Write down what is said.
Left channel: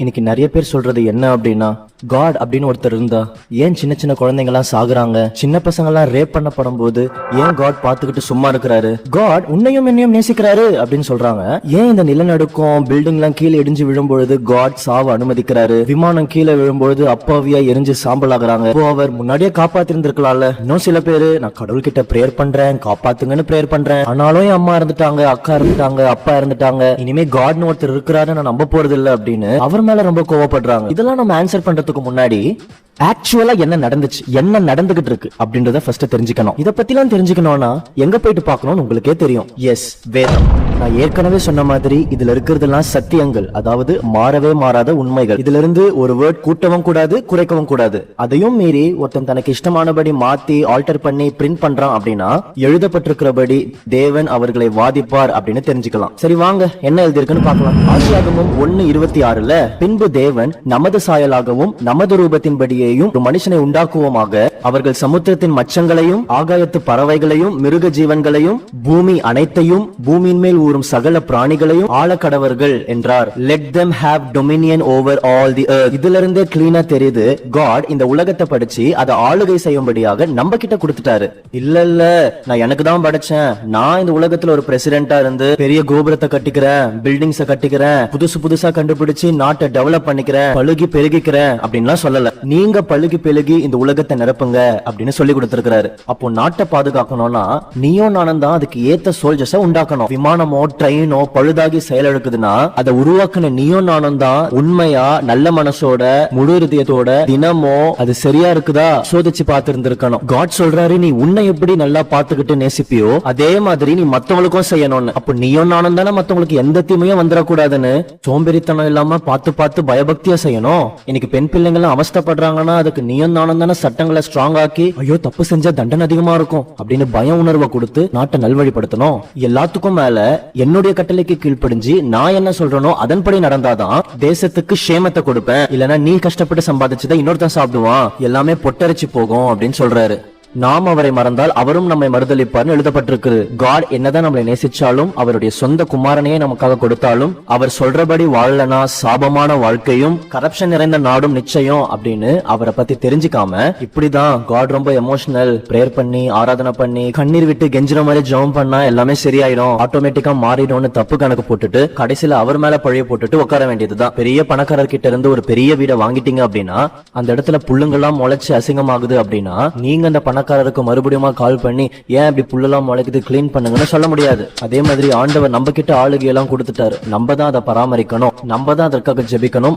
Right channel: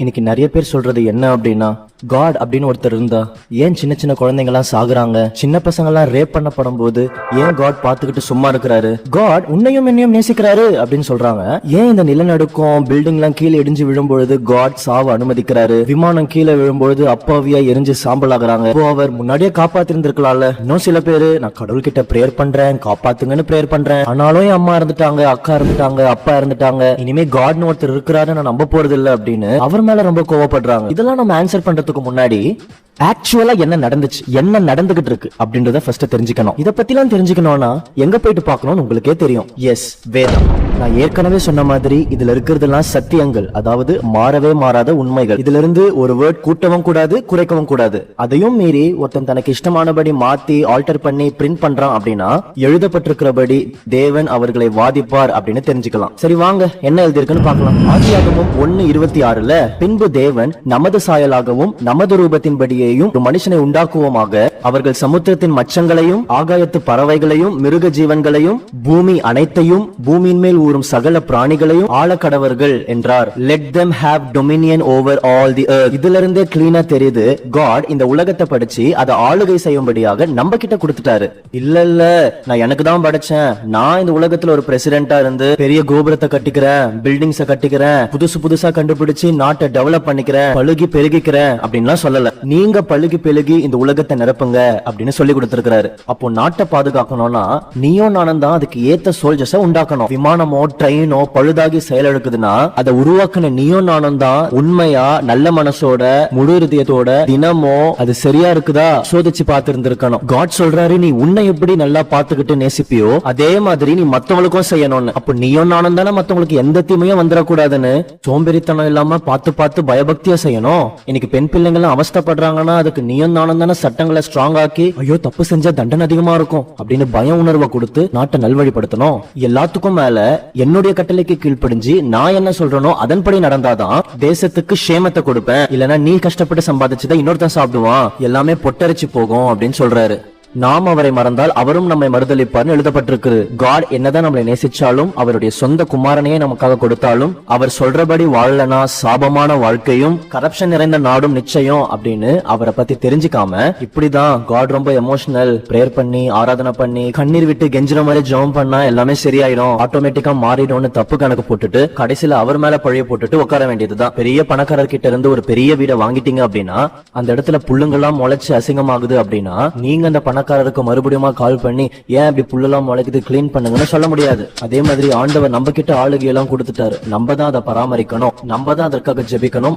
இன்னைக்கு நிறைய பேர் சொல்றது என்ன அப்படின்னா காட் அப்படின்னு ஒருத்தர் இருந்தா ஏன் சின்ன சின்ன குழந்தைங்க எல்லாம் சாகுறாங்க? சின்ன பசங்க எல்லாம் ரேப் பண்ணப்படும் போது ஏன் காட் பாத்துக்கிட்டு சும்மா இருக்கிறாரு? காட் உன்னையும் என்னையும் நேசிக்கிறாரு அப்படின்னு சொல்றாங்க. ஏன் இந்த நிலநடுக்கம் பில்டிங் எல்லாம் கீழே இடிஞ்சு விழும்பொழுது காட் சாவ அனுமதிக்கிறாரு? விமானம் கீழே விழும்பொழுது அப்பாவியா எரிஞ்சு சாம்பல் ஆகுறாங்க. அவர் முன்னாடியே காப்பாத்திருந்திருக்கலாம்ல. இன்னும் சில பேரு நான் கடவுள் கிட்ட பிரேயர் பண்றேன் காப்பாத்துங்கன்னு பிரேயர் பண்றேன். ஆனாலும் என் அம்மா இருந்துட்டாங்க அக்கா இருந்துட்டாங்க அப்பா இருந்துட்டாங்க இனிமே காட்னு ஒருத்தர் இருக்கிறாரு நான் நம்ப போறது இல்ல அப்படின்னு மேல ரொம்ப கோவப்படுறாங்க. இதெல்லாம் நம்ம ஆன்சர் பண்றதுக்கு முன்னாடி ஆக்சுவலா என்ன நடந்துச்சு? என்ன நடந்துகிட்டு இருக்கு அப்படின்றத ஃபர்ஸ்ட் தெரிஞ்சுக்கணும். இத பத்திலாம் தெரிஞ்சுக்கணும்னா எங்க போயிட்டு பார்க்கணும்னு உங்களுக்கே தெரியும். எஸ் வேதம். நான் ஏற்கனவே சொன்ன மாதிரி இதுல இருக்கிறதெல்லாம் சத்தியங்கள். அதாவது மாறவே மாறாத உண்மைகள். இதுல இருந்து ஒரு வேர்ட் கூட்டவும் கூடாது குறைக்கவும் கூடாது. அதையும் மீறி ஒருத்தன் தனக்கு இஷ்டமானபடி மாத்தி ஆல்டர் பண்ணி பிரிண்ட் பண்றான் அப்படின்னா எழுதப்பட்டிருக்கிறபடி தேவன் அவர்களை வாதிப்பார் அப்படின்னு தெரிஞ்சுக்கலாம். சரி வாங்க என்ன எழுதியிருக்குன்னு பார்க்கலாம். ஒன்னு இருபத்தி ஆறுல பின்பு தேவன் நமது சாயலாகவும் நமது ரூபத்தின்படியேயும் ஒரு மனுஷனை உண்டாக்குவோமாக. அவர்கள் சமுத்திரத்தின் மச்சங்களையும் ஆகாயத்து பறவைகளையும் மிருக ஜீவன்களையும் பூமி அனைத்தையும் பூமியின் மேல் ஊறும் சகல பிராணிகளையும் ஆழக்கடவர்கள் என்றார். Let them have dominion over all the earth. இதுல இருந்தே கிளீனா தெரியுது காட் இந்த உலகத்தை படிச்சு அதை ஆளுகை செய்யும்படியாக நம்ம கிட்ட கொடுத்துட்டாரு. இல்ல இல்ல நான் எனக்கு தான் படைச்சேன். நான் இந்த உலகத்துல ஒரு பிரசிடென்டா இருந்து பெரிய கோபுரத்தை கட்டிக்கிறேன் பில்டிங்ஸ கட்டிக்கிறேன் புதுசு புதுசா கண்டுபிடிச்சு நாட்டை டெவலப் பண்ணிக்கிறேன் பழுகி பெருகிக்கிறேன் அப்படின்லாம் சொல்லல. நீங்க பழுகி பெருகி இந்த உலகத்தை நிரப்புங்க அப்படின்னு சொல்லி கொடுத்திருக்கிறாரு. அப்போ நாட்டை பாதுகாக்கணும்னா நீயும் நானும் தான் அதுக்கு ஏத்த சோல்ஜர்ஸ உண்டாக்கணும். விமானமோ ட்ரெயினோ பழுதாகி செயலெடுக்குதுன்னா அதை உருவாக்கின நீயோ நானும் தான் உண்மையா நல்ல மனசோட முழு இதயத்தோட தினமோ அது சரியா இருக்குதா சோதிச்சு பார்த்து இருந்திருக்கணும் காட் சொல்றாரு நீ உன்னை எப்படி நல்லா பாத்துக்கிட்டு நேசிப்பியோ அதே மாதிரி நீ மத்தவங்களுக்கும் செய்யணும்னு. அப்ப நீயும் நானும் தானே மத்தவங்களுக்கு எந்த தீமையும் வந்துடக்கூடாதுன்னு? சோம்பேறித்தனம் இல்லாம பார்த்து பார்த்து பயபக்தியா செய்யணும்? இன்னைக்கு பெண் பிள்ளைங்க அவஸ்தப்படுறாங்கன்னா அதுக்கு நீயும் நானும் தானே சட்டங்களை ஸ்ட்ராங் ஆக்கி ஐயோ தப்பு செஞ்சா தண்டனை அதிகமா இருக்கும் அப்படின்னு பய உணர்வை கொடுத்து நாட்டை நல்வழிப்படுத்தணும். எல்லாத்துக்கும் மேல என்னுடைய கட்டளைக்கு கீழ்ப்படிஞ்சு நான் என்ன சொல்றேனோ அதன்படி நடந்தாதான் தேசத்துக்கு சேமத்தை கொடுப்பேன். இல்லனா நீ கஷ்டப்பட்டு சம்பாதிச்சதை இன்னொருத்தன் சாப்பிடுவான். எல்லாமே பொட்டரிச்சு போகும் அப்படின்னு சொல்றாரு. நாம் அவரை மறந்தால் அவரும் நம்மை மறுதளிப்பார்னு எழுதப்பட்டிருக்கு காட் என்னதான் நம்மளை நேசிச்சாலும் அவருடைய சொந்த குமாரனையே நமக்காக கொடுத்தாலும் அவர் சொல்றபடி வாழலனா சாபமான வாழ்க்கையும் கரப்ஷன் நிறைந்த நாடும் நிச்சயம் அப்படின்னு அவரை பத்தி தெரிஞ்சுக்காம இப்படிதான் காட் ரொம்ப எமோஷனல் பிரேயர் பண்ணி ஆராதனை பண்ணி கண்ணீர் விட்டு கெஞ்சுற மாதிரி ஜெபம் பண்ணா எல்லாமே சரியாயிடும் ஆட்டோமேட்டிக்கா மாறிடும்னு தப்பு கணக்கு போட்டுட்டு கடைசியில அவர் மேல பழைய போட்டுட்டு உட்கார வேண்டியதுதான். பெரிய பணக்காரர் கிட்ட இருந்து ஒரு பெரிய வீடை வாங்கிட்டீங்க அப்படின்னா அந்த இடத்துல புல்லுங்கெல்லாம் முளைச்சு அசிங்கமாகுது அப்படின்னா நீங்க அந்த பணக்காரருக்கு மறுபடியும் கால் பண்ணி ஏன் இப்படி புல்லெல்லாம் முளைக்குது? கிளீன் பண்ணுங்கன்னு சொல்ல முடியாது. அதே மாதிரி ஆண்டவர் நம்ம கிட்ட ஆளுகையெல்லாம் கொடுத்துட்டாரு. நம்ம தான் அதை பராமரிக்கணும். நம்ம தான் அதற்காக ஜெபிக்கணும்.